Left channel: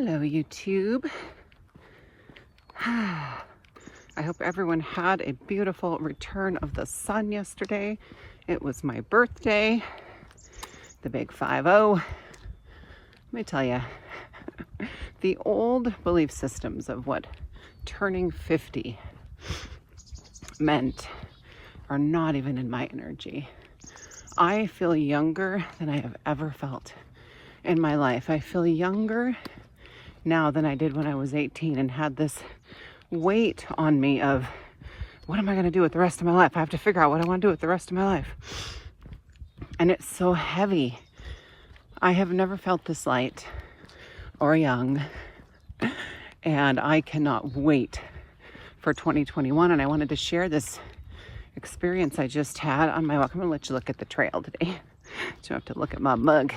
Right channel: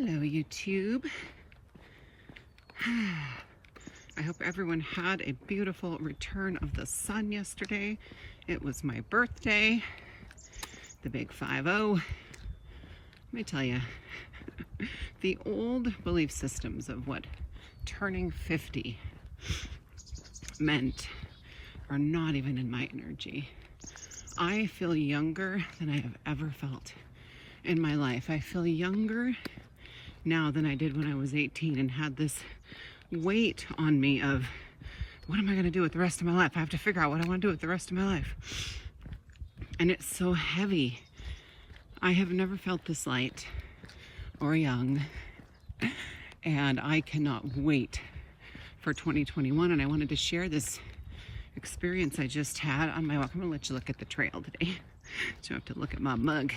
Hello, YouTube. I hope everyone had a beautiful return of the sun yesterday. It was my birthday, the big 5-0. Let me tell you, the old belief systems of what turning 50 meant are not even in my energy. I feel younger than I have ever felt in my life. I feel younger now than I did when I was 18 and had this weight on me of what am I going to do with the rest of my life? I have to figure out what I want to do with the rest of my life. And it's so heavy. I have never felt this light or young, and I cannot wait for 2021. And I wanted to share this experience I just had on my walk. I'm going to let you look at the trail today. So you have to look at my mug.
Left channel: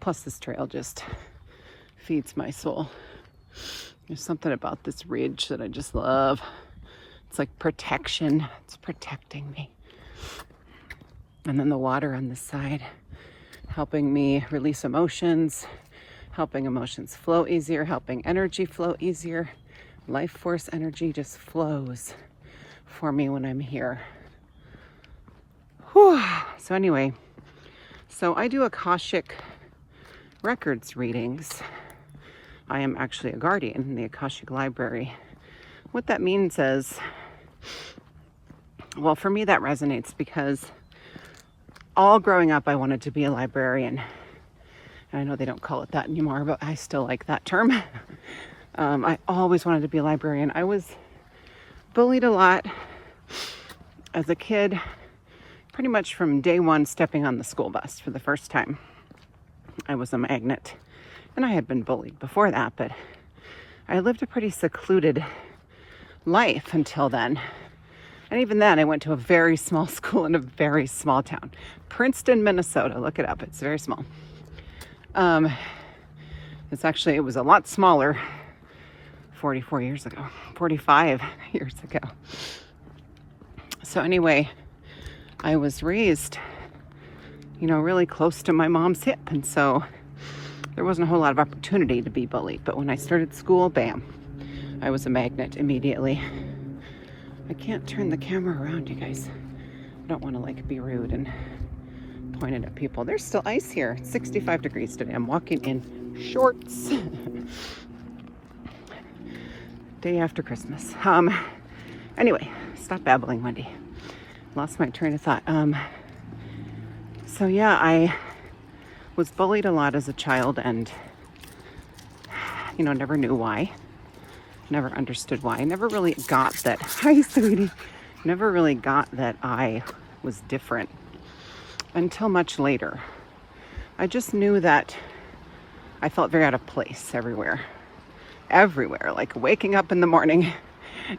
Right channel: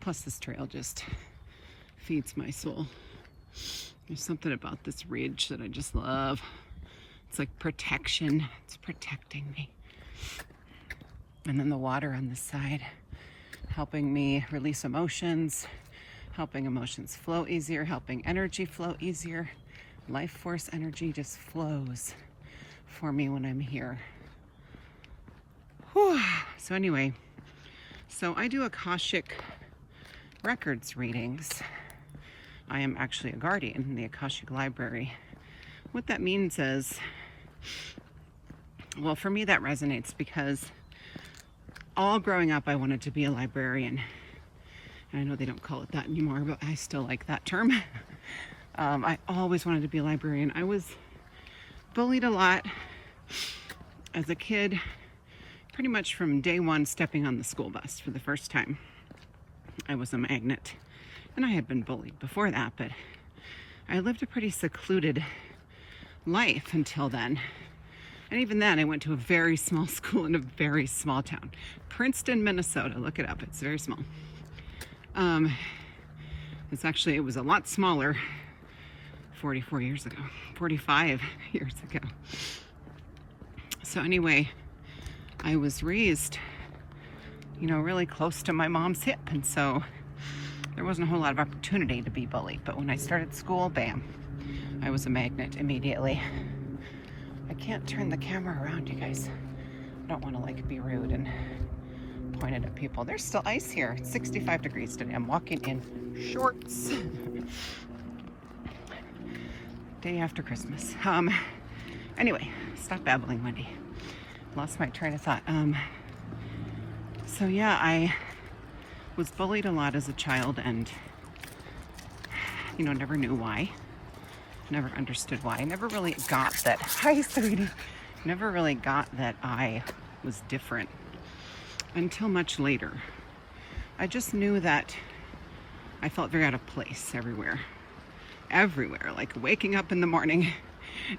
Plus this trail just feeds my soul. There's something about this ridge that I just love. It's like protection. It's protecting me. And then the water on this side, helping me release emotions, helping emotions flow easier, helping energy flow easier. Life force energy just flows for me when I'm here. Whew. So anyway, I do Akashic records readings. I am actually a guardian in the Akashic Library. What that means is, well, for me that resonates because all growing up I wanted to be a librarian. And I know they don't call it that anymore, but I still like that term. I always wanted to be a librarian. I was bullied a lot as a kid, pretty much from day one stepping on the school bus for the first time. I was a magnet, and I had been bullied before that, but I lived a pretty secluded life until then. And even then, I went to a very small school in a very small town. Princeton, Minnesota. Look it up. It's very small. It was a lot smaller 45 years ago. So anyway, I was raised, really close to my mom's hip. And so there wasn't a whole lot of opportunity to be bullied. But when I started school, bam, I was a magnet immediately. I can't turn the camera around, you guys. I don't want to be rude and point it at people. There's still ice here. It's 65 degrees today. I'm walking in shorts. Day after Christmas. Anyway, stop babbling, Wendy. Lost my train of thought. So yeah, I was bullied a lot as a child and, never knew why. Never understood why. Never really got that. Hi, sweetie. Never really got that I was different until much later. I just knew that I felt very out of place everywhere. Like waking up in the morning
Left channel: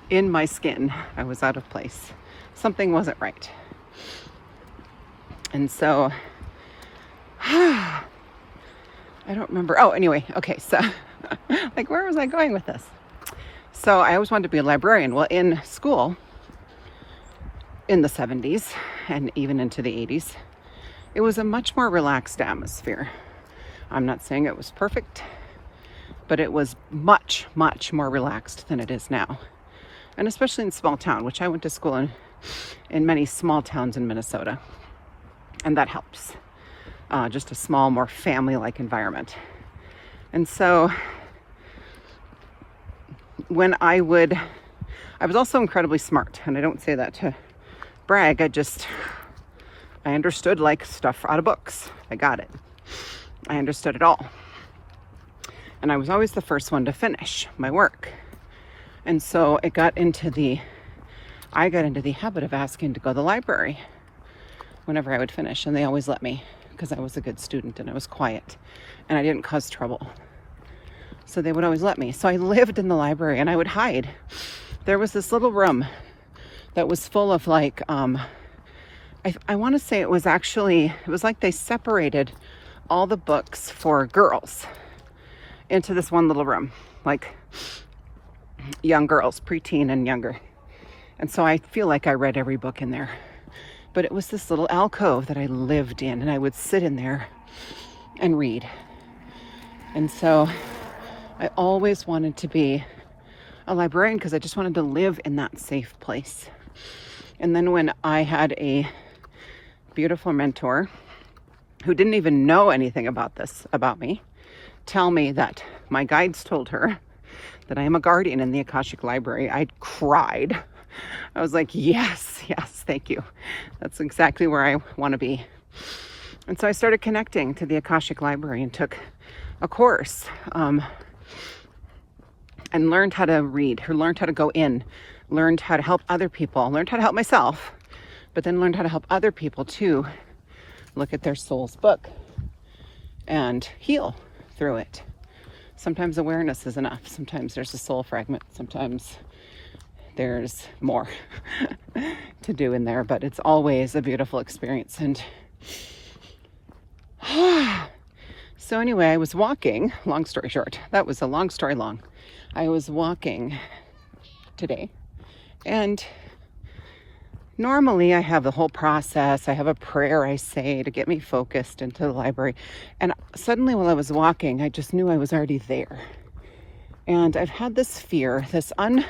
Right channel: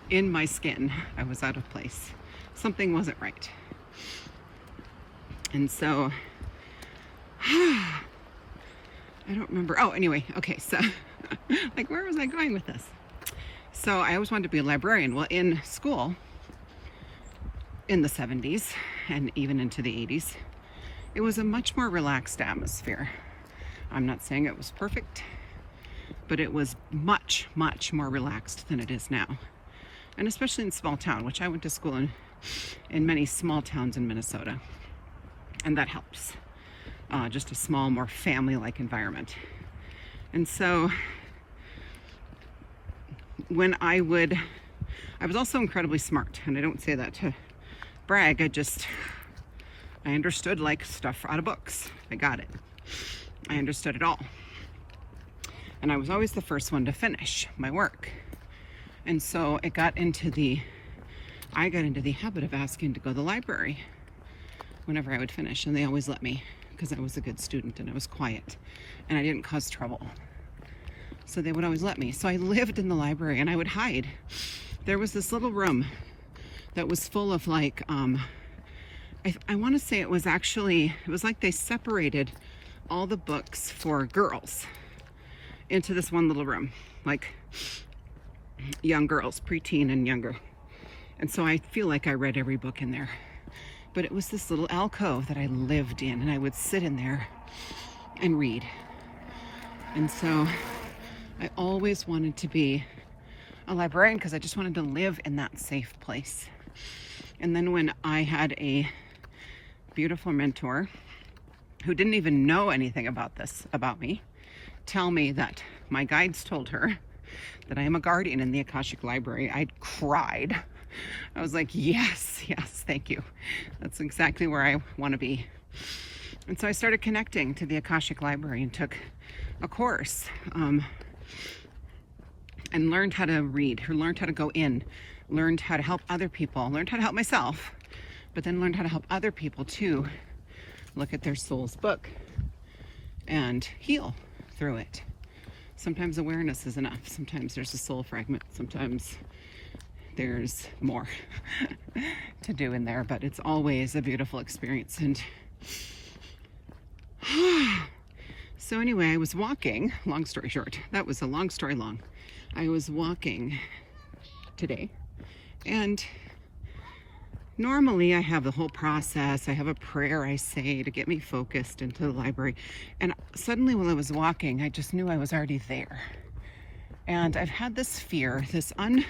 in my skin, I was out of place. Something wasn't right. And so, I don't remember. Oh, anyway, okay, so, where was I going with this? So I always wanted to be a librarian. Well, in school, in the 70s, and even into the 80s, it was a much more relaxed atmosphere. I'm not saying it was perfect, but it was much, much more relaxed than it is now. And especially in small town, which I went to school in many small towns in Minnesota. And that helps. Just a small, more family-like environment. And so when I was also incredibly smart. And I don't say that to brag. I understood stuff out of books. I got it. I understood it all. And I was always the first one to finish my work. And so I got into the habit of asking to go to the library whenever I would finish. And they always let me because I was a good student and I was quiet and I didn't cause trouble. So they would always let me. So I lived in the library and I would hide. There was this little room that was full of I want to say it was like they separated all the books for girls into this one little room, young girls, preteen and younger. And so I feel like I read every book in there. But it was this little alcove that I lived in, and I would sit in there and read. And so I always wanted to be a librarian because I just wanted to live in that safe place. And then when I had a beautiful mentor who didn't even know anything about this, about me, tell me that my guides told her that I am a guardian in the Akashic Library, I cried. I was like, yes, thank you. That's exactly where I want to be. And so I started connecting to the Akashic Library and took a course and learned how to read, learned how to go in, learned how to help other people, learned how to help myself, but then learned how to help other people too look at their soul's book and heal through it. Sometimes awareness is enough. Sometimes there's a soul fragment. Sometimes there's more to do in there, but it's always a beautiful experience. And so anyway, I was walking, long story short, that was a long story long. I was walking today, and normally I have the whole process. I have a prayer I say to get me focused into the library. And suddenly while I was walking, I just knew I was already there. And I've had this fear, this I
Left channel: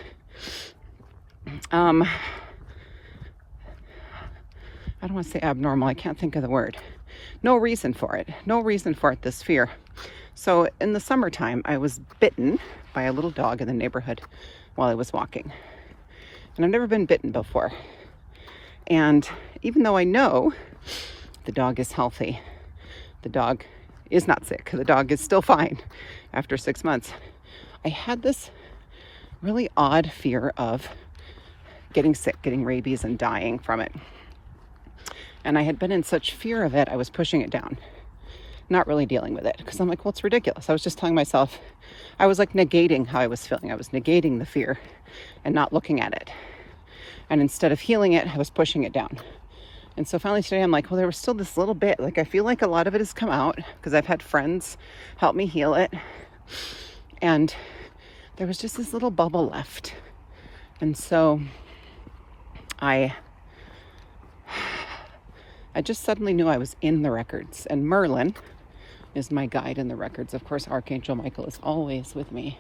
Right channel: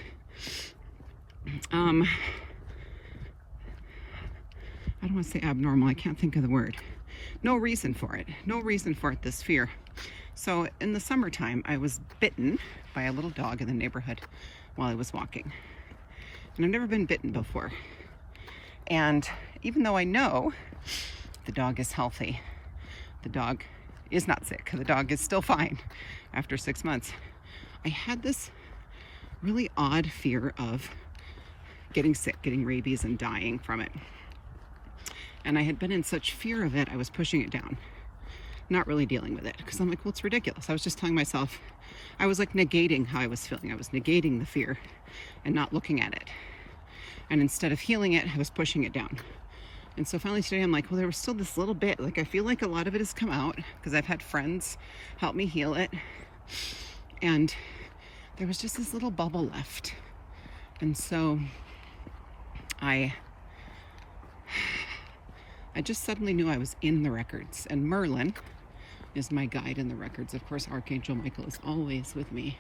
don't want to say abnormal. I can't think of the word. No reason for it, this fear. So in the summertime, I was bitten by a little dog in the neighborhood while I was walking. And I've never been bitten before. And even though I know the dog is healthy, the dog is not sick, the dog is still fine after 6 months, I had this really odd fear of getting sick, getting rabies and dying from it. And I had been in such fear of it, I was pushing it down, not really dealing with it, because I'm like, well, it's ridiculous. I was just telling myself, I was like negating how I was feeling. I was negating the fear and not looking at it. And instead of healing it, I was pushing it down. And so finally today, I'm like, well, there was still this little bit. Like, I feel like a lot of it has come out because I've had friends help me heal it. And there was just this little bubble left. And so I just suddenly knew I was in the records. And Merlin is my guide in the records. Of course, Archangel Michael is always with me.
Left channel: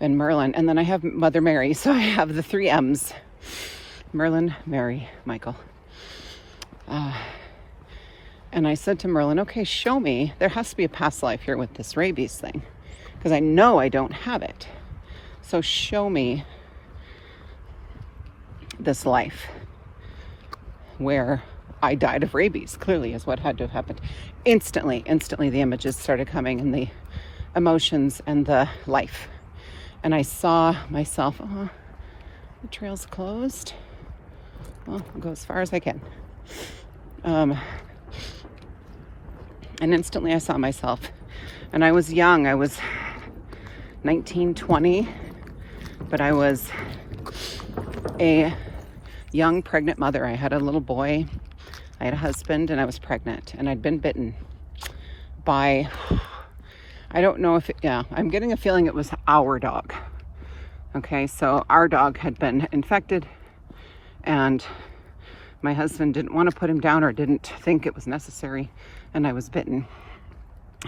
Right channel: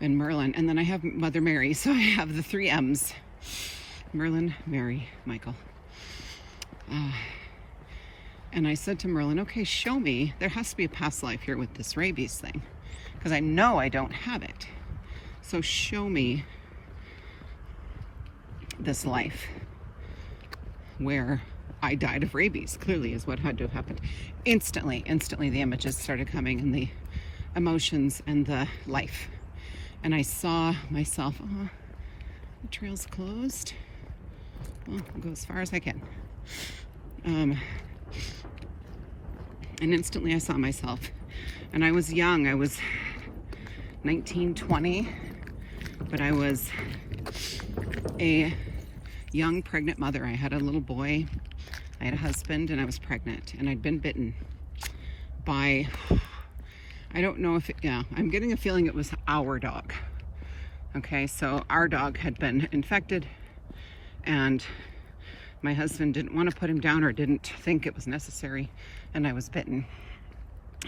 And Merlin. And then I have Mother Mary. So I have the 3 M's. Merlin, Mary, Michael. And I said to Merlin, okay, show me. There has to be a past life here with this rabies thing, because I know I don't have it. So show me this life where I died of rabies, clearly is what had to have happened. Instantly, the images started coming and the emotions and the life. And I saw myself, oh, the trail's closed. Well, I'll go as far as I can. And instantly I saw myself. And I was young. I was 19, 20. But I was a young pregnant mother. I had a little boy. I had a husband and I was pregnant. And I'd been bitten by, I don't know if it, yeah, I'm getting a feeling it was our dog. Okay, so our dog had been infected and my husband didn't want to put him down or didn't think it was necessary, and I was bitten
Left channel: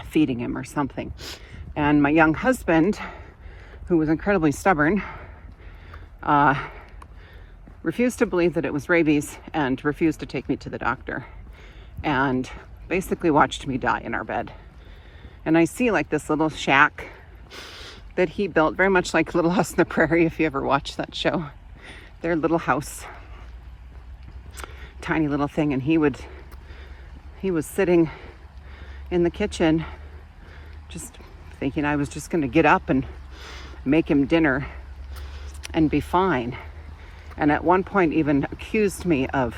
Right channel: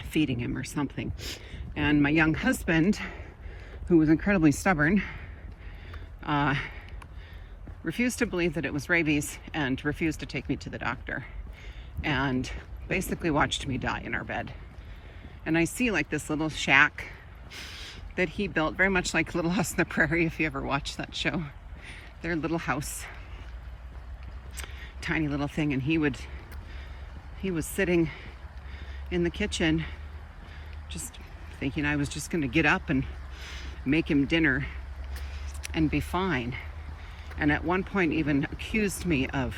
feeding him or something. And my young husband, who was incredibly stubborn, refused to believe that it was rabies and refused to take me to the doctor, and basically watched me die in our bed. And I see like this little shack that he built, very much like Little House on the Prairie, if you ever watched that show. Their little house, tiny little thing. And he was sitting in the kitchen just thinking I was just going to get up and make him dinner and be fine. And at one point even accused me of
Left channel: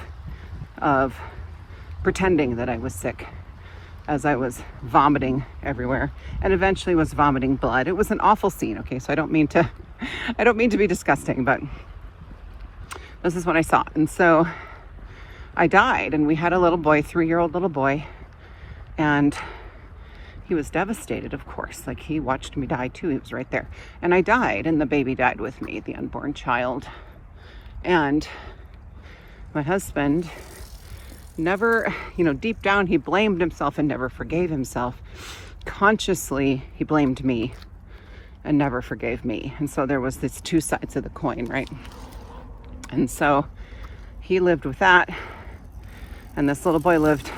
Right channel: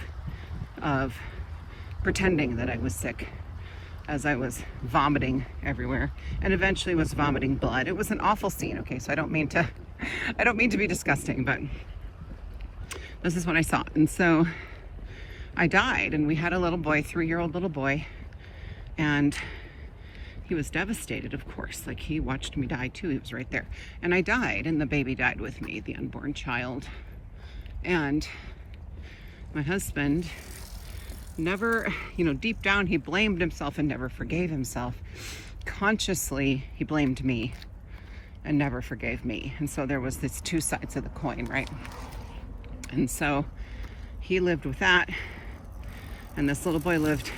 pretending that I was sick as I was vomiting everywhere, and eventually was vomiting blood. It was an awful scene, okay? So I don't mean to be disgusting, but this is what I saw. And so I died, and we had a little boy, 3-year-old little boy, and he was devastated, of course. Like, he watched me die too. He was right there. And I died, and the baby died with me, the unborn child. And my husband never, deep down, he blamed himself and never forgave himself. consciously he blamed me and never forgave me. And so there was this two sides of the coin, right? And so he lived with that, and this little boy lived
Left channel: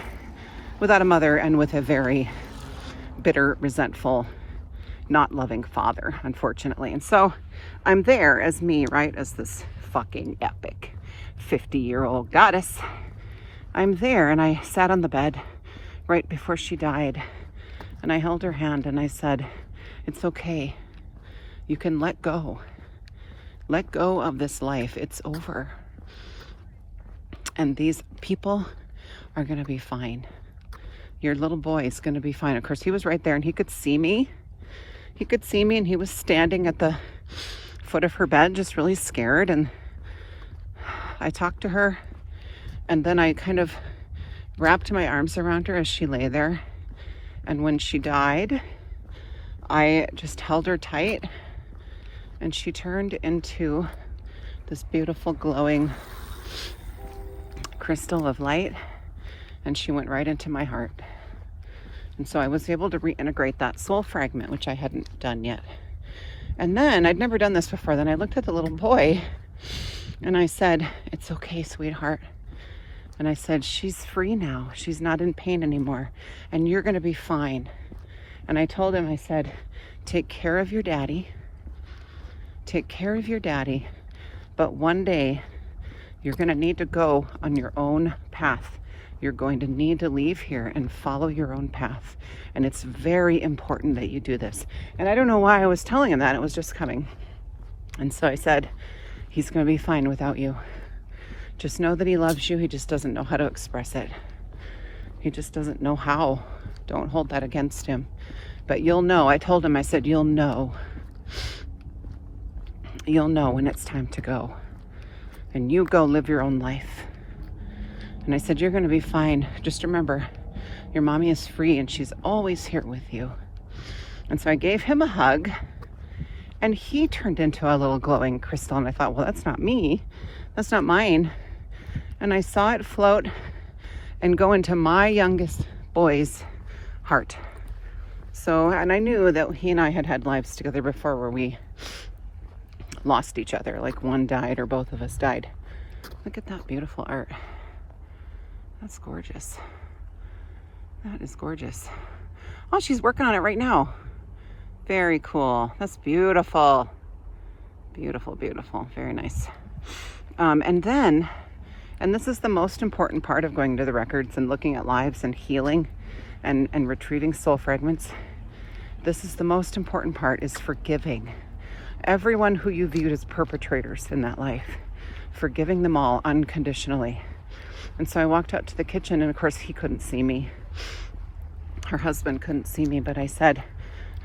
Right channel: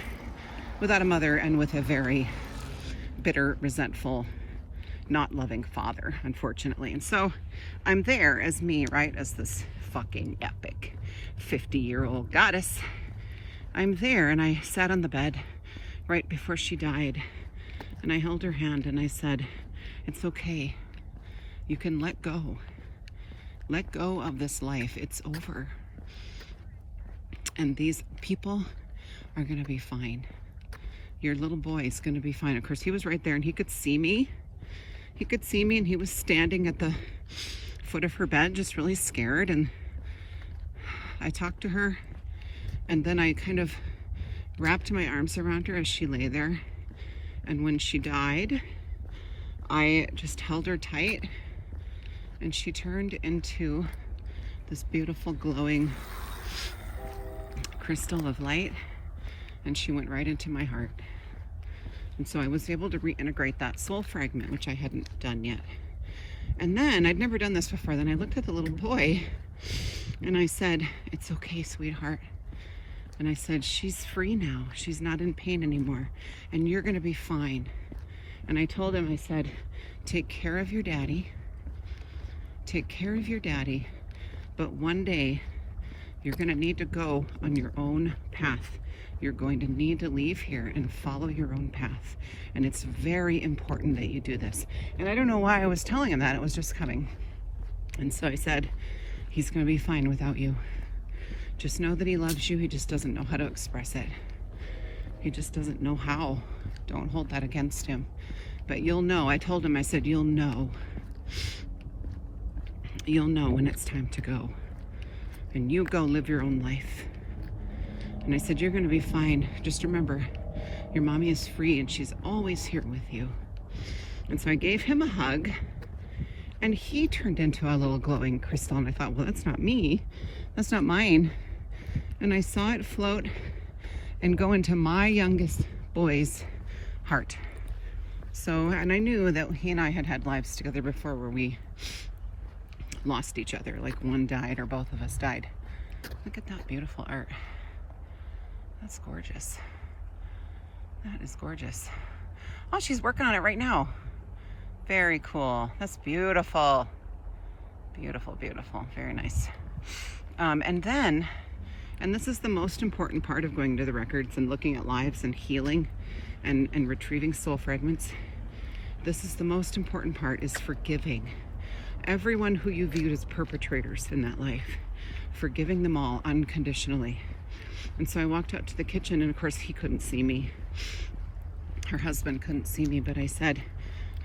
without a mother and with a very bitter, resentful, not loving father, unfortunately. And so I'm there as me, right? As this fucking epic 50-year-old goddess. I'm there, and I sat on the bed right before she died, and I held her hand and I said, it's okay. You can let go. Let go of this life. It's over. And these people are going to be fine. Your little boy is going to be fine. Of course, he was right there and he could see me. He could see me, and he was standing at the foot of her bed, just really scared. And I talked to her, and then I kind of wrapped my arms around her as she lay there. And when she died, I just held her tight, and she turned into this beautiful glowing crystal of light, and she went right into my heart. And so I was able to reintegrate that soul fragment, which I hadn't done yet. And then I'd never done this before. Then I looked at the little boy and I said, it's okay, sweetheart. And I said, she's free now. She's not in pain anymore. And you're going to be fine. And I told him, I said, take care of your daddy. Take care of your daddy. But one day you're going to need to go on your own path. You're going to need to leave here and follow your own path. And it's very important that you do this. And I don't know why I was telling him that. It was just coming. And so I said, he's going to be fine without you. Just know that he loves you. He just doesn't know how to express it. He just doesn't know how. Don't hold that against him. But you'll know. I told him, I said, you'll know. You'll know when it's time to go. And you go live your own life. And I said, you're going to be fine. Just remember, your mommy is free and she's always here with you. And so I gave him a hug, and he turned into a little glowing crystal. And I thought, well, that's not me. That's not mine. And I saw it float and go into my youngest boy's heart. So, and I knew that he and I had had lives together before where we lost each other. Like one died or both of us died. Look at that beautiful art. That's gorgeous. That is gorgeous. Oh, she's working on it right now. Very cool. That's beautiful. Beautiful, beautiful. Very nice. And this is the most important part of going to the records and looking at lives and healing and retrieving soul fragments. This is the most important part, is forgiving everyone who you viewed as perpetrators in that life. Forgiving them all unconditionally. And so I walked out to the kitchen, and of course he couldn't see me. Her husband couldn't see me, but I said,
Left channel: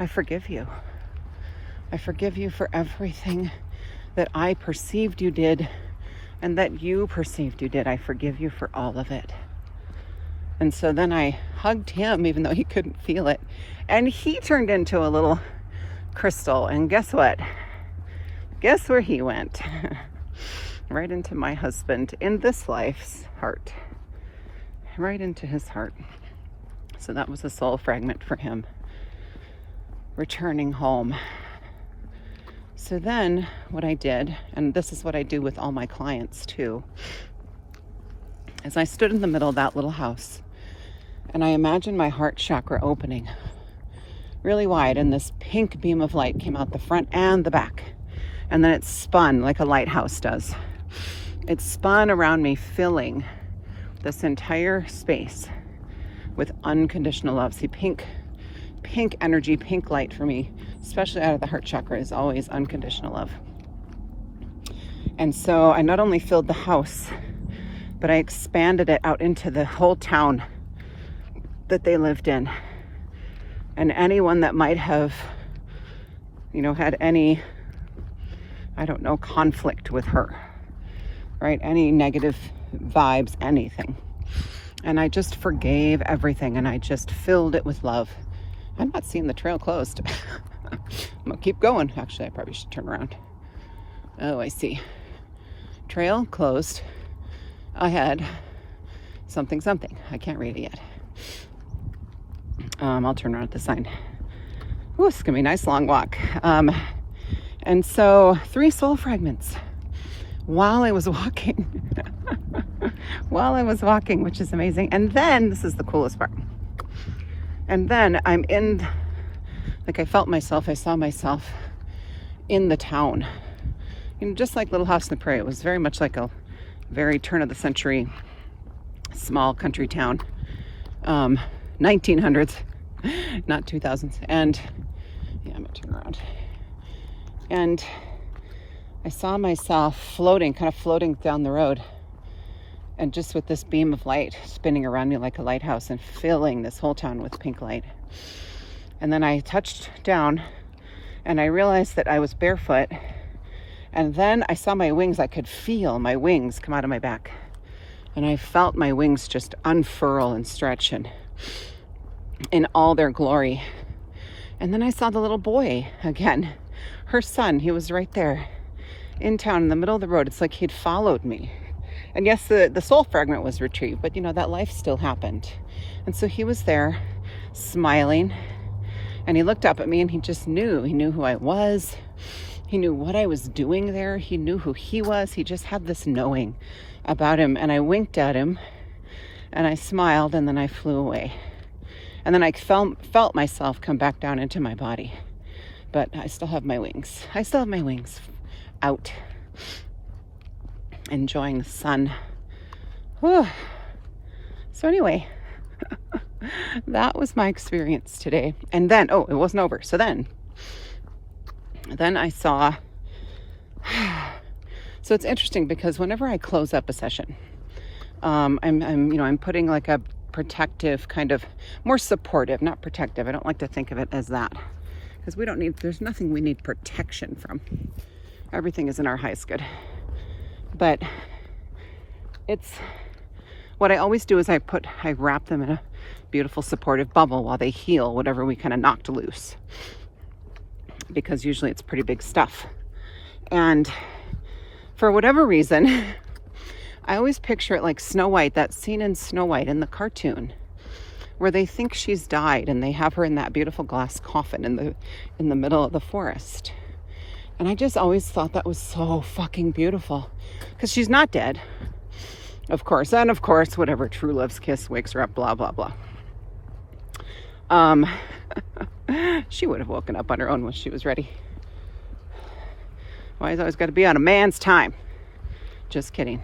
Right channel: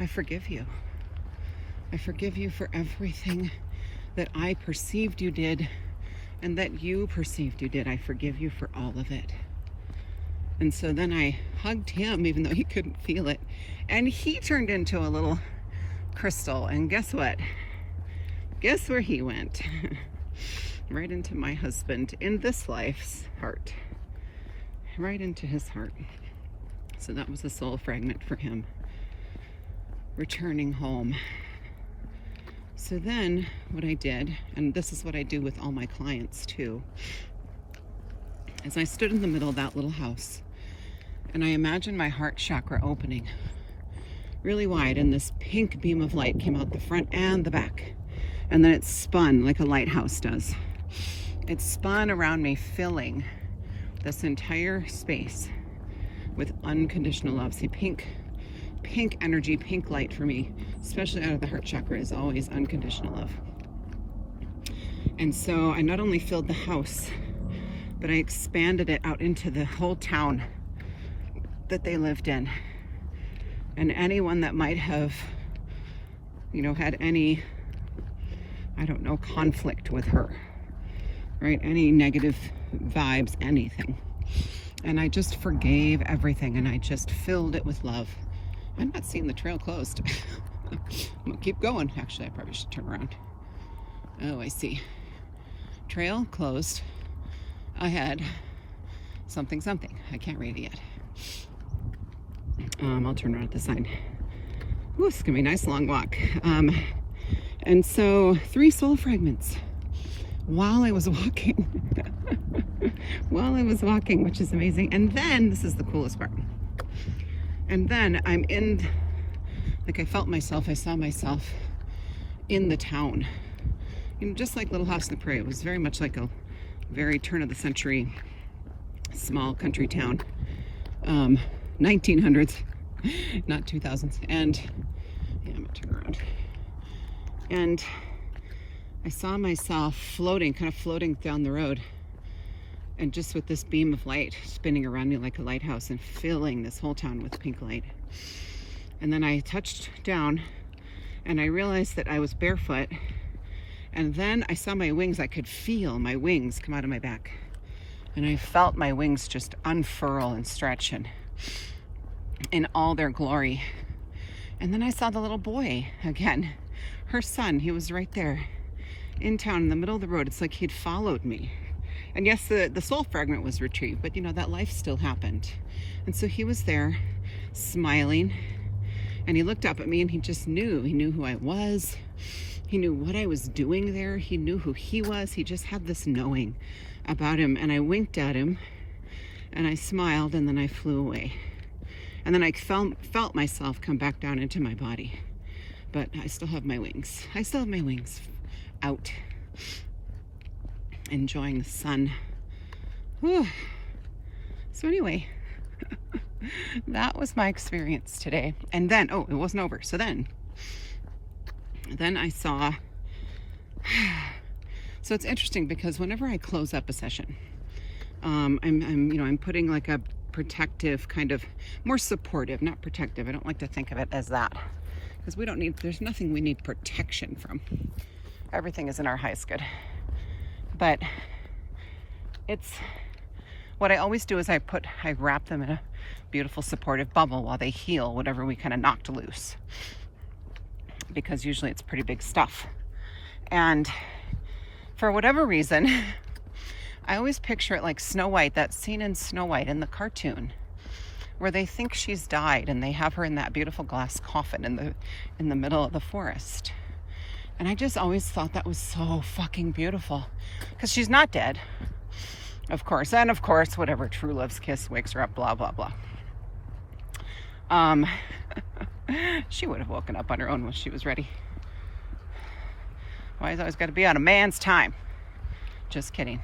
I forgive you. I forgive you for everything that I perceived you did and that you perceived you did. I forgive you for all of it. And so then I hugged him, even though he couldn't feel it. And he turned into a little crystal. And guess what? Guess where he went? Right into my husband in this life's heart. Right into his heart. So that was a soul fragment for him. Returning home. So then what I did, and this is what I do with all my clients too, is I stood in the middle of that little house and I imagined my heart chakra opening really wide, and this pink beam of light came out the front and the back. And then it spun like a lighthouse does. It spun around me, filling this entire space with unconditional love. See, pink energy, pink light for me, especially out of the heart chakra, is always unconditional love. And so I not only filled the house, but I expanded it out into the whole town that they lived in. And anyone that might have, had any, conflict with her, right? Any negative vibes, anything. And I just forgave everything, and I just filled it with love. I'm not seeing the trail closed. I'm gonna keep going. Actually, I probably should turn around. Oh, I see. Trail closed. Ahead. Something. I can't read it yet. I'll turn around at the sign. Ooh, it's gonna be a nice long walk. And so 3 soul fragments while I was walking. While I was walking, which is amazing. And then, this is the coolest part. And then I'm in, like I saw myself in the town. You know, just like Little House on the Prairie. It was very much like a very turn of the century, small country town. 1900s, not 2000s. And yeah, I'm gonna turn around. And I saw myself floating down the road, and just with this beam of light spinning around me like a lighthouse and filling this whole town with pink light. And then I touched down and I realized that I was barefoot. And then I saw my wings. I could feel my wings come out of my back. And I felt my wings just unfurl and stretch and in all their glory. And then I saw the little boy again. Her son, he was right there in town in the middle of the road. It's like he'd followed me. And yes, the soul fragment was retrieved, but you know, that life still happened. And so he was there smiling, and he looked up at me and he just knew. He knew who I was. He knew what I was doing there. He knew who he was. He just had this knowing about him. And I winked at him and I smiled, and then I flew away. And then I felt myself come back down into my body. But I still have my wings. I still have my wings out, enjoying the sun. Whew. So anyway, that was my experience today. And then, oh, it wasn't over. So then I saw, so it's interesting because whenever I close up a session, I'm putting like a protective kind of, more supportive, not protective. I don't like to think of it as that, because there's nothing we need protection from. Everything is in our highest good. But it's, what I always do is I wrap them in a beautiful supportive bubble while they heal whatever we kind of knocked loose. Because usually it's pretty big stuff. And for whatever reason, I always picture it like Snow White, that scene in Snow White in the cartoon, where they think she's died and they have her in that beautiful glass coffin in the middle of the forest. And I just always thought that was so fucking beautiful, because she's not dead, of course. And of course, whatever, true love's kiss wakes her up, blah, blah, blah. She would have woken up on her own when she was ready. Why is always got to be on a man's time? Just kidding.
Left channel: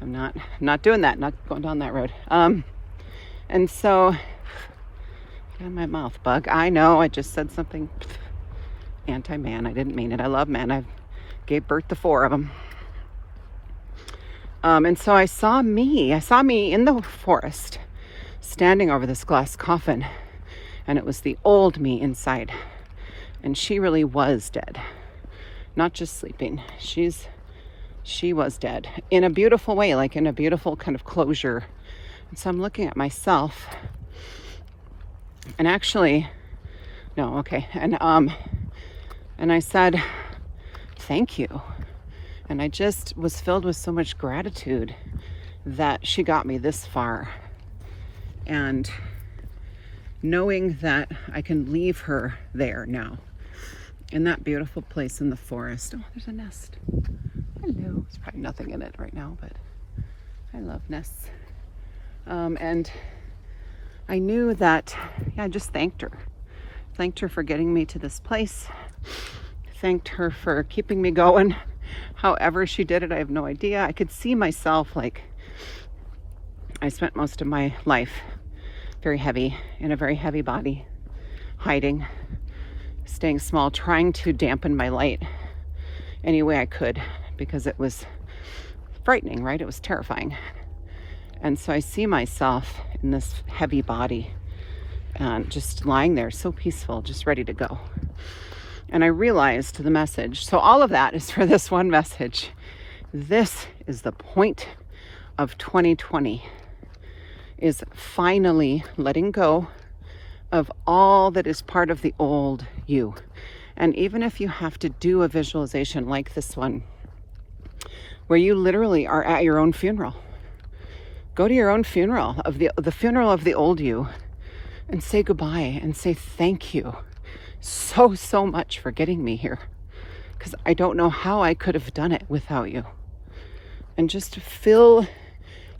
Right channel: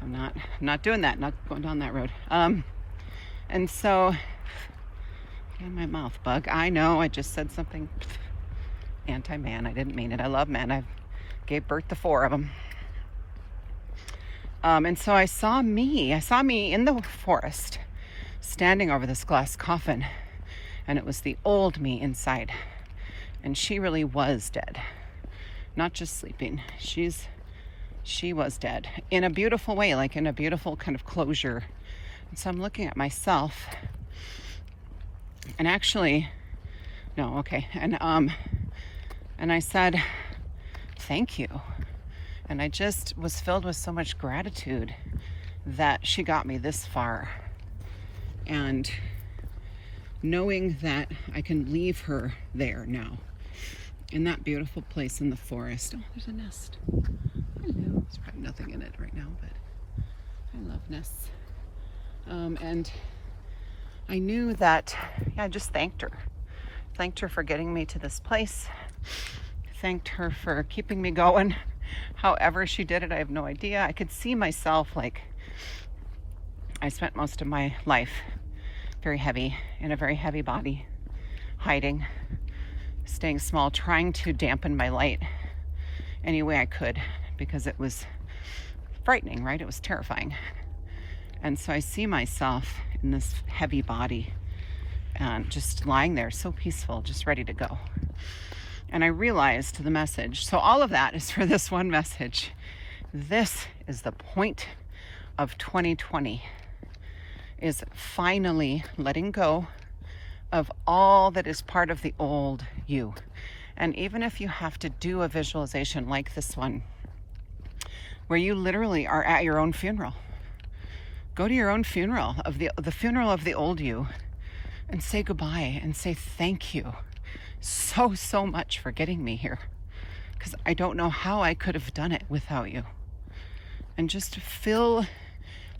I'm not doing that, not going down that road. And so, get in my mouth, bug. I know, I just said something anti-man. I didn't mean it. I love men. I gave birth to 4 of them. And so I saw me in the forest, standing over this glass coffin, and it was the old me inside. And she really was dead, not just sleeping. She was dead in a beautiful way, like in a beautiful kind of closure. And so I'm looking at myself, and actually, no, okay. And I said, thank you. And I just was filled with so much gratitude that she got me this far. And knowing that I can leave her there now, in that beautiful place in the forest. Oh, there's a nest. Hello. There's probably nothing in it right now, but I love nests. And I knew that, I just thanked her. Thanked her for getting me to this place. Thanked her for keeping me going. However she did it, I have no idea. I could see myself, like, I spent most of my life very heavy, in a very heavy body, hiding, staying small, trying to dampen my light any way I could, because it was frightening, right? It was terrifying. And so I see myself in this heavy body and just lying there, so peaceful, just ready to go. And I realized the message. So all of that is for this one message. This is the point of 2020, is finally letting go of all that is part of the old you. And even if you have to do a visualization like this one, where you literally are at your own funeral, go to your own funeral, of the funeral of the old you, and say goodbye and say thank you so much for getting me here, because I don't know how I could have done it without you. And just fill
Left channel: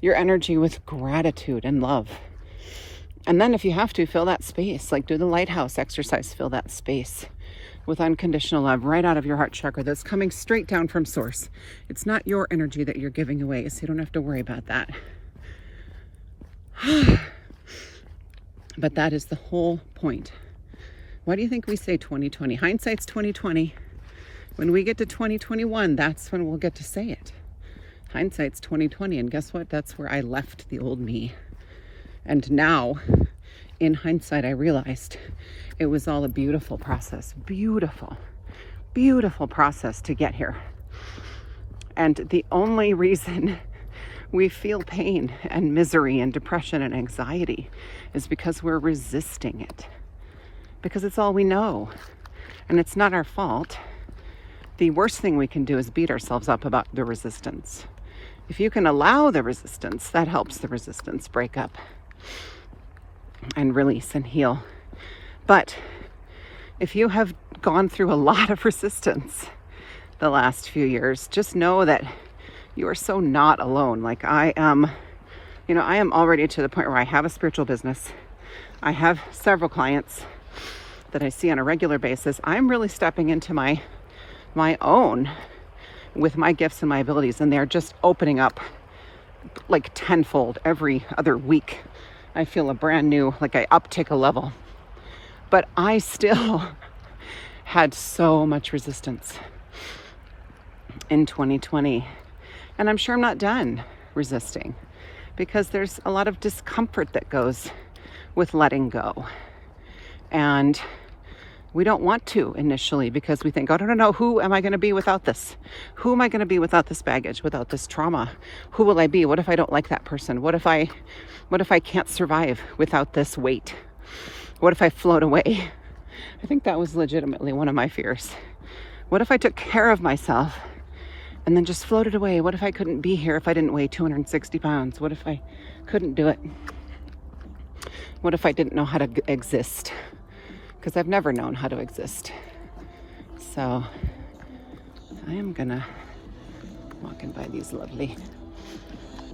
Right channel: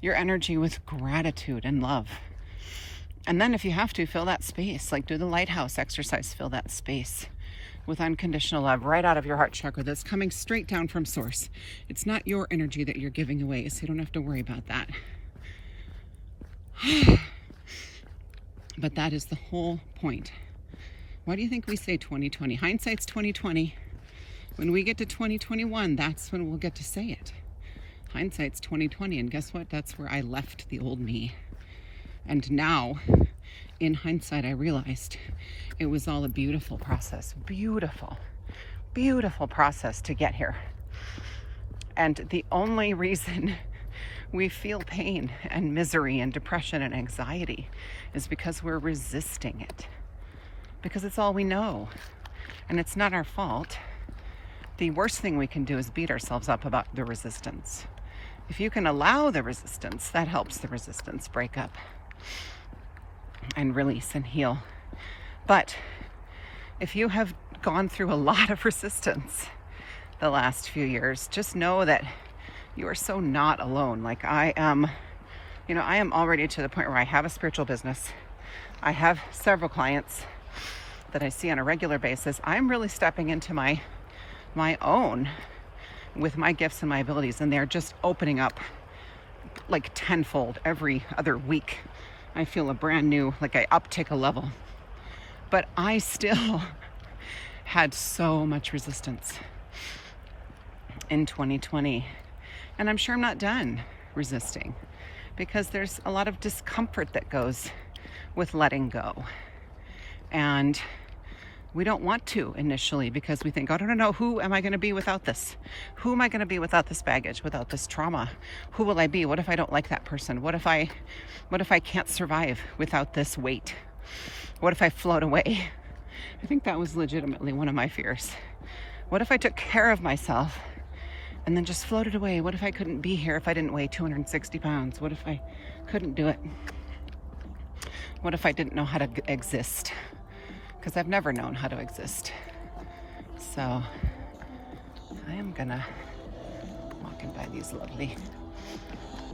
your energy with gratitude and love. And then if you have to, fill that space, like do the lighthouse exercise, fill that space with unconditional love right out of your heart chakra that's coming straight down from source. It's not your energy that you're giving away, so you don't have to worry about that. But that is the whole point. Why do you think we say 2020? Hindsight's 2020. When we get to 2021, that's when we'll get to say it. Hindsight's 2020, and guess what? That's where I left the old me. And now, in hindsight, I realized it was all a beautiful process. Beautiful, beautiful process to get here. And the only reason we feel pain and misery and depression and anxiety is because we're resisting it. Because it's all we know. And it's not our fault. The worst thing we can do is beat ourselves up about the resistance. If you can allow the resistance, that helps the resistance break up and release and heal. But if you have gone through a lot of resistance the last few years, just know that you are so not alone. Like I am already to the point where I have a spiritual business. I have several clients that I see on a regular basis. I'm really stepping into my own with my gifts and my abilities, and they're just opening up like tenfold every other week. I feel a brand new, like I uptick a level. But I still had so much resistance in 2020. And I'm sure I'm not done resisting, because there's a lot of discomfort that goes with letting go. And we don't want to initially, because we think, oh, no, who am I going to be without this? Who am I going to be without this baggage, without this trauma? Who will I be? What if I don't like that person? What if I can't survive without this weight? What if I float away? I think that was legitimately one of my fears. What if I took care of myself and then just floated away? What if I couldn't be here if I didn't weigh 260 pounds? What if I couldn't do it? What if I didn't know how to exist? Because I've never known how to exist. So I'm gonna walk by these lovely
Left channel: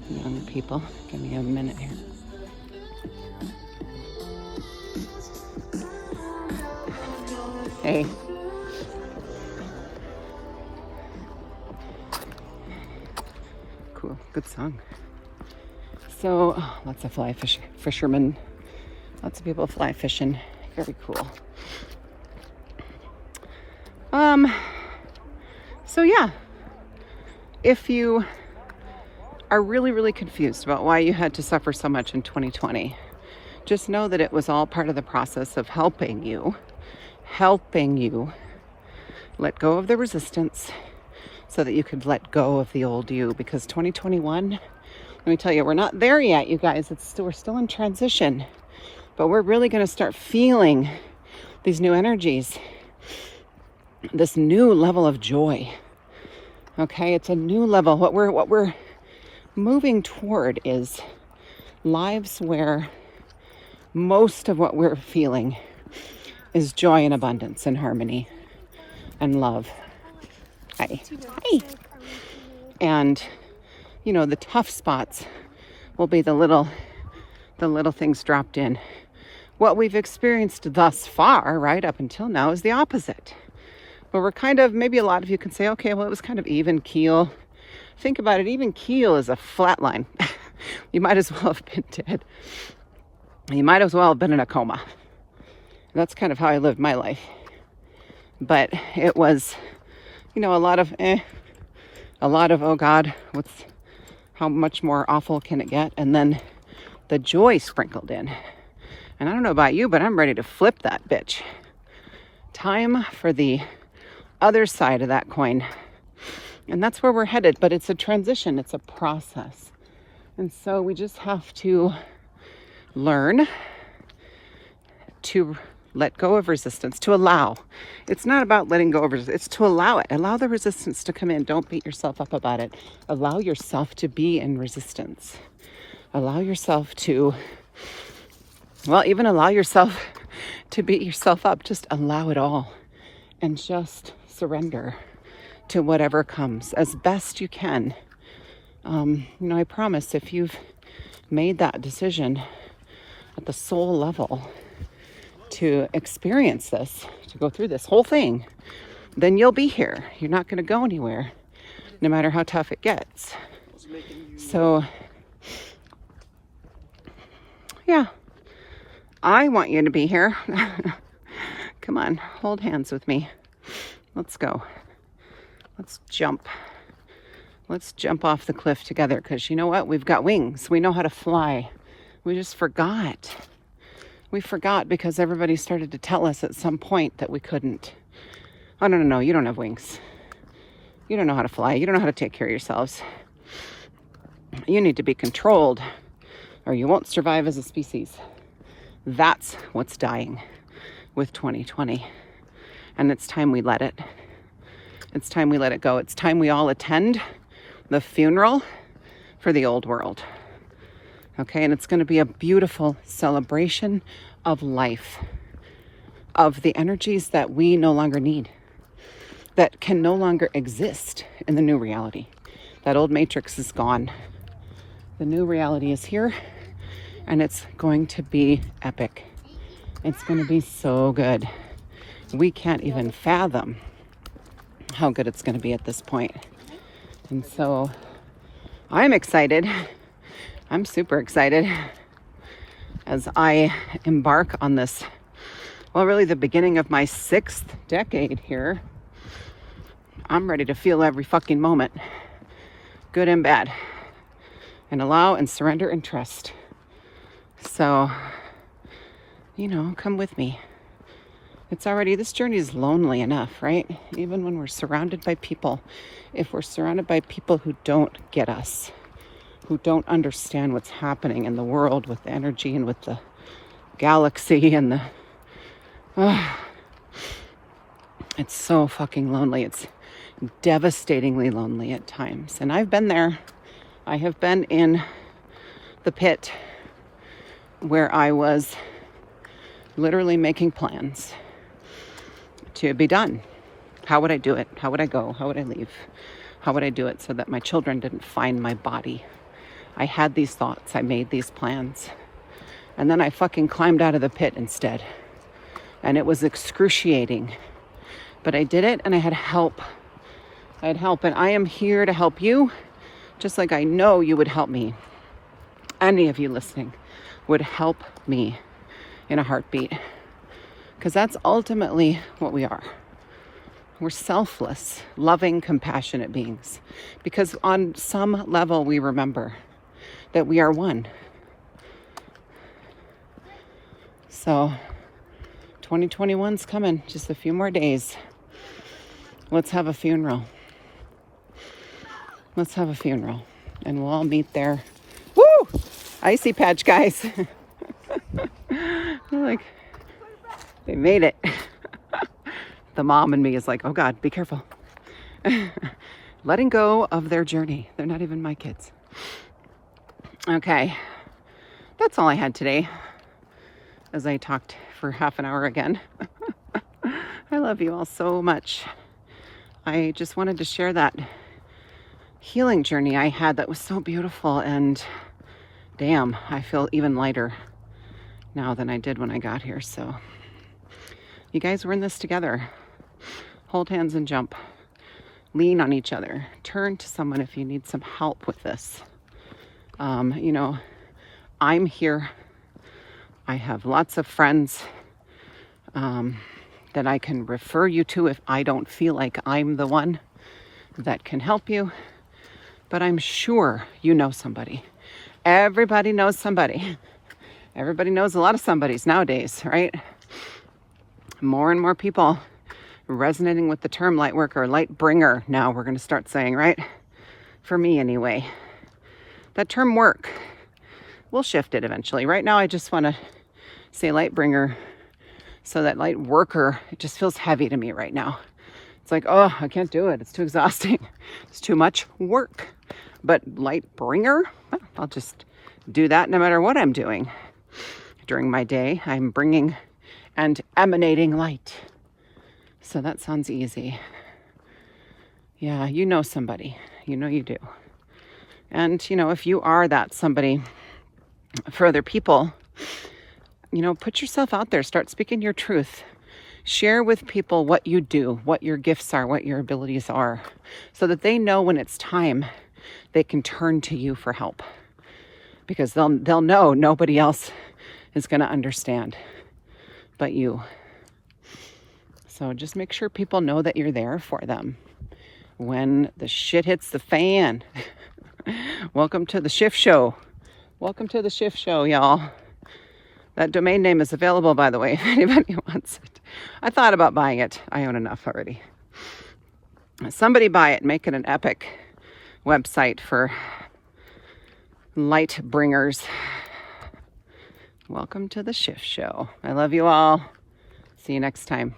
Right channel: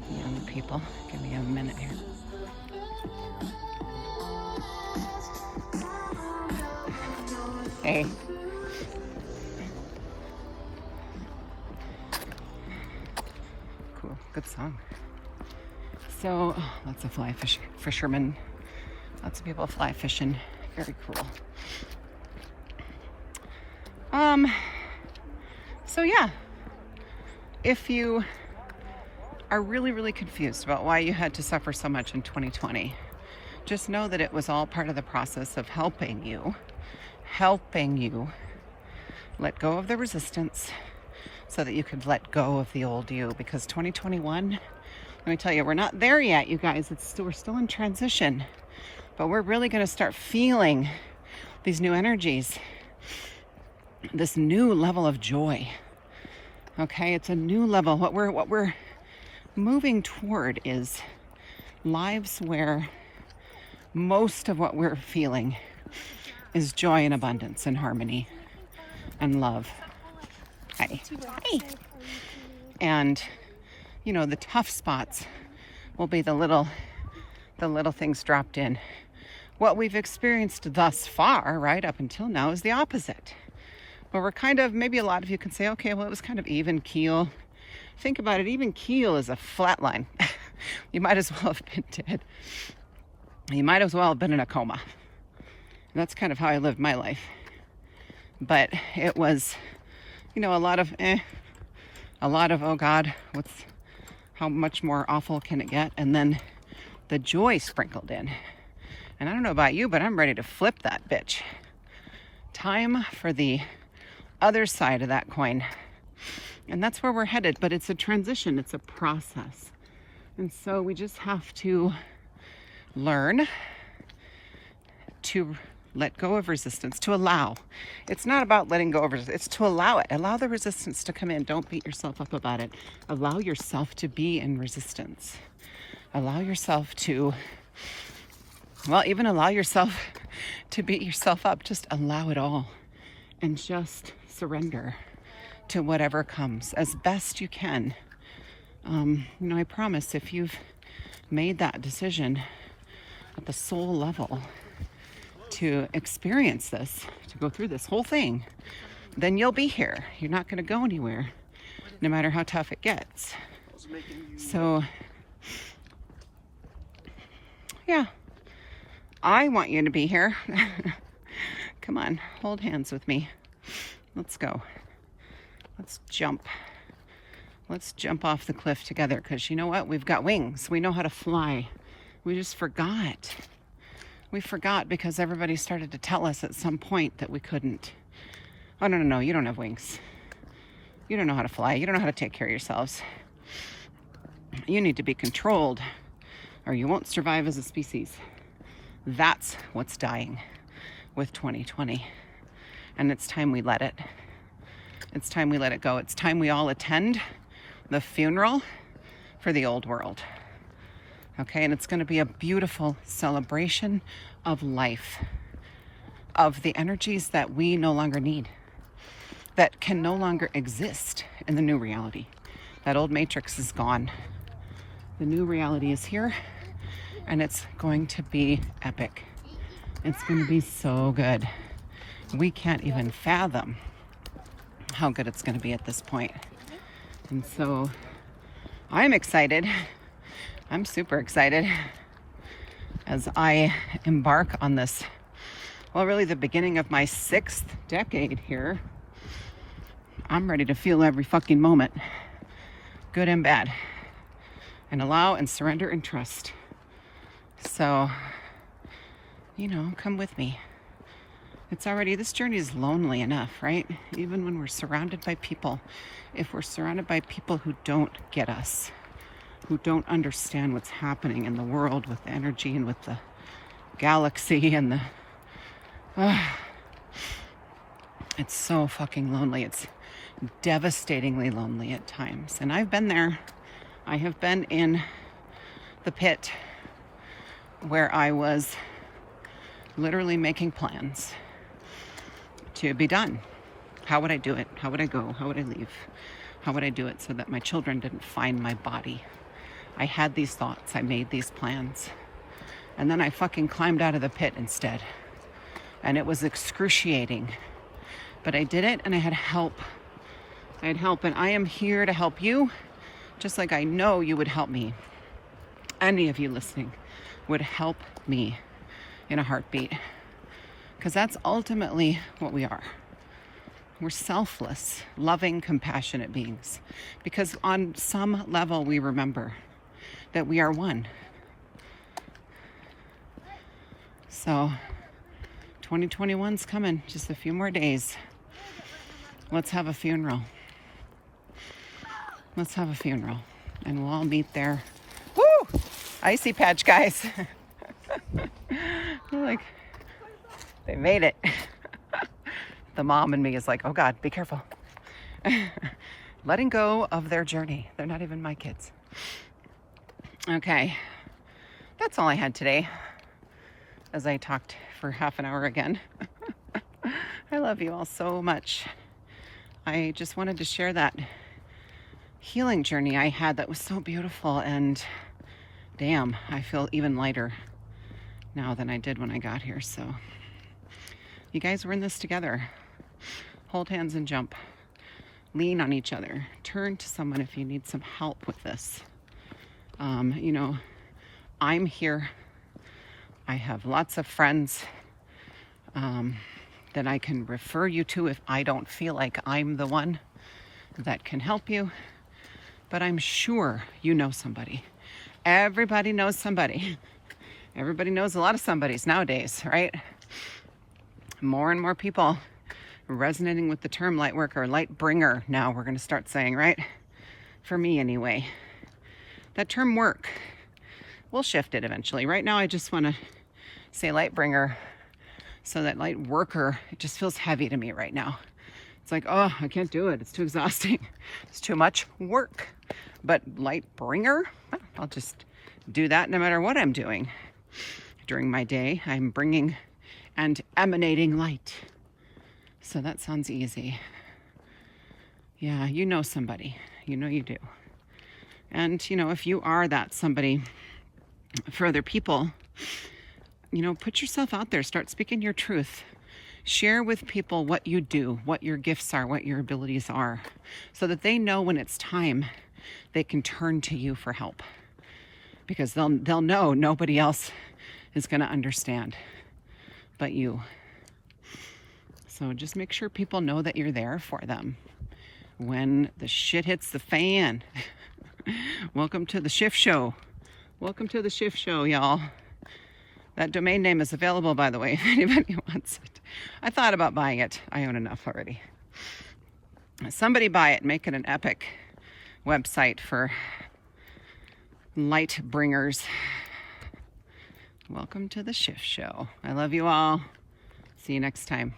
young people. Give me a minute here. Hey. Cool, good song. So lots of fishermen, lots of people fly fishing. Very cool. So yeah, if you are really confused about why you had to suffer so much in 2020, just know that it was all part of the process of helping you let go of the resistance so that you could let go of the old you. Because 2021, let me tell you, we're not there yet, you guys. We're still in transition. But we're really going to start feeling these new energies, this new level of joy. Okay, it's a new level. What we're moving toward is lives where most of what we're feeling is joy and abundance and harmony and love. Hi. And the tough spots will be the little things dropped in. What we've experienced thus far, right up until now, is the opposite. Where we're kind of, maybe a lot of you can say, okay, well, it was kind of even keel. Think about it, even keel is a flat line. You might as well have been dead. You might as well have been in a coma. That's kind of how I lived my life. But it was, a lot of, oh God, how much more awful can it get? And then the joy sprinkled in. And I don't know about you, but I'm ready to flip that bitch. Time for the other side of that coin. And that's where we're headed. But it's a transition. It's a process. And so we just have to learn to let go of resistance, to allow. It's not about letting go of resistance. It's to allow it. Allow the resistance to come in. Don't beat yourself up about it. Allow yourself to be in resistance. Allow yourself to Well, even allow yourself to beat yourself up. Just allow it all and just surrender to whatever comes as best you can. I promise if you've made that decision at the soul level to experience this, to go through this whole thing, then you'll be here. You're not going to go anywhere, no matter how tough it gets. So, yeah, I want you to be here. Come on, hold hands with me. Let's go. Let's jump. Let's jump off the cliff together, because you know what? We've got wings. We know how to fly. We just forgot. We forgot because everybody started to tell us at some point that we couldn't. I don't know. You don't have wings. You don't know how to fly. You don't know how to take care of yourselves. You need to be controlled or you won't survive as a species. That's what's dying with 2020. And it's time we let it. It's time we let it go. It's time we all attend the funeral for the old world. Okay, and it's going to be a beautiful celebration of life, of the energies that we no longer need, that can no longer exist in the new reality. That old matrix is gone. The new reality is here, and it's going to be epic. It's going to be so good. We can't even fathom how good it's going to be at this point. And so I'm excited. I'm super excited as I embark on this, well, really the beginning of my 6th decade here. I'm ready to feel every fucking moment, good and bad, and allow and surrender and trust. So, come with me. This journey is lonely enough, right? Even when we're surrounded by people, if we're surrounded by people who don't get us, who don't understand what's happening in the world with the energy and with the galaxy and it's so fucking lonely. It's devastatingly lonely at times. And I've been there. I have been in the pit where I was literally making plans to be done. How would I do it? How would I go? How would I leave? How would I do it so that my children didn't find my body? I had these thoughts. I made these plans. And then I fucking climbed out of the pit instead. And it was excruciating. But I did it and I had help. I had help, and I am here to help you, just like I know you would help me. Any of you listening would help me in a heartbeat. Because that's ultimately what we are. We're selfless, loving, compassionate beings. Because on some level we remember that we are one. So 2021's coming, just a few more days. Let's have a funeral. Let's have a funeral. And we'll all meet there. Woo! Icy patch, guys. Like, they made it. The mom and me is like, oh God, be careful. Letting go of their journey. They're not even my kids. Okay. That's all I had today. As I talked for half an hour again. I love you all so much. I just wanted to share that healing journey I had that was so beautiful, and damn, I feel even lighter now than I did when I got here. So you guys, we're in this together. Hold hands and jump. Lean on each other. Turn to someone if you need some help with this. I'm here. I have lots of friends that I can refer you to if I don't feel like I'm the one that can help you. But I'm sure you know somebody. Everybody knows somebody. Everybody knows a lot of somebodies nowadays, right? More and more people resonating with the term light worker, light bringer. Now we're going to start saying, right? For me anyway. That term work. We'll shift it eventually. Right now I just want to say light bringer, so that light worker, it just feels heavy to me right now. It's like, oh, I can't do it. It's too exhausting. It's too much work. But light bringer, I'll just do that no matter what I'm doing. during my day. I'm bringing and emanating light. So that sounds easy. Yeah, you know somebody. You know you do. And, you know, if you are that somebody for other people, you know, put yourself out there. Start speaking your truth. Share with people what you do, what your gifts are, what your abilities are, so that they know when it's time, they can turn to you for help. Because they'll know nobody else is going to understand but you. So just make sure people know that you're there for them when the shit hits the fan. Welcome to the shift show. Welcome to the shift show, y'all. That domain name is available, by the way, if anybody wants it. I thought about buying it. I own enough already. Somebody buy it, make it an epic website for light bringers. Welcome to the shift show. I love you all. See you next time.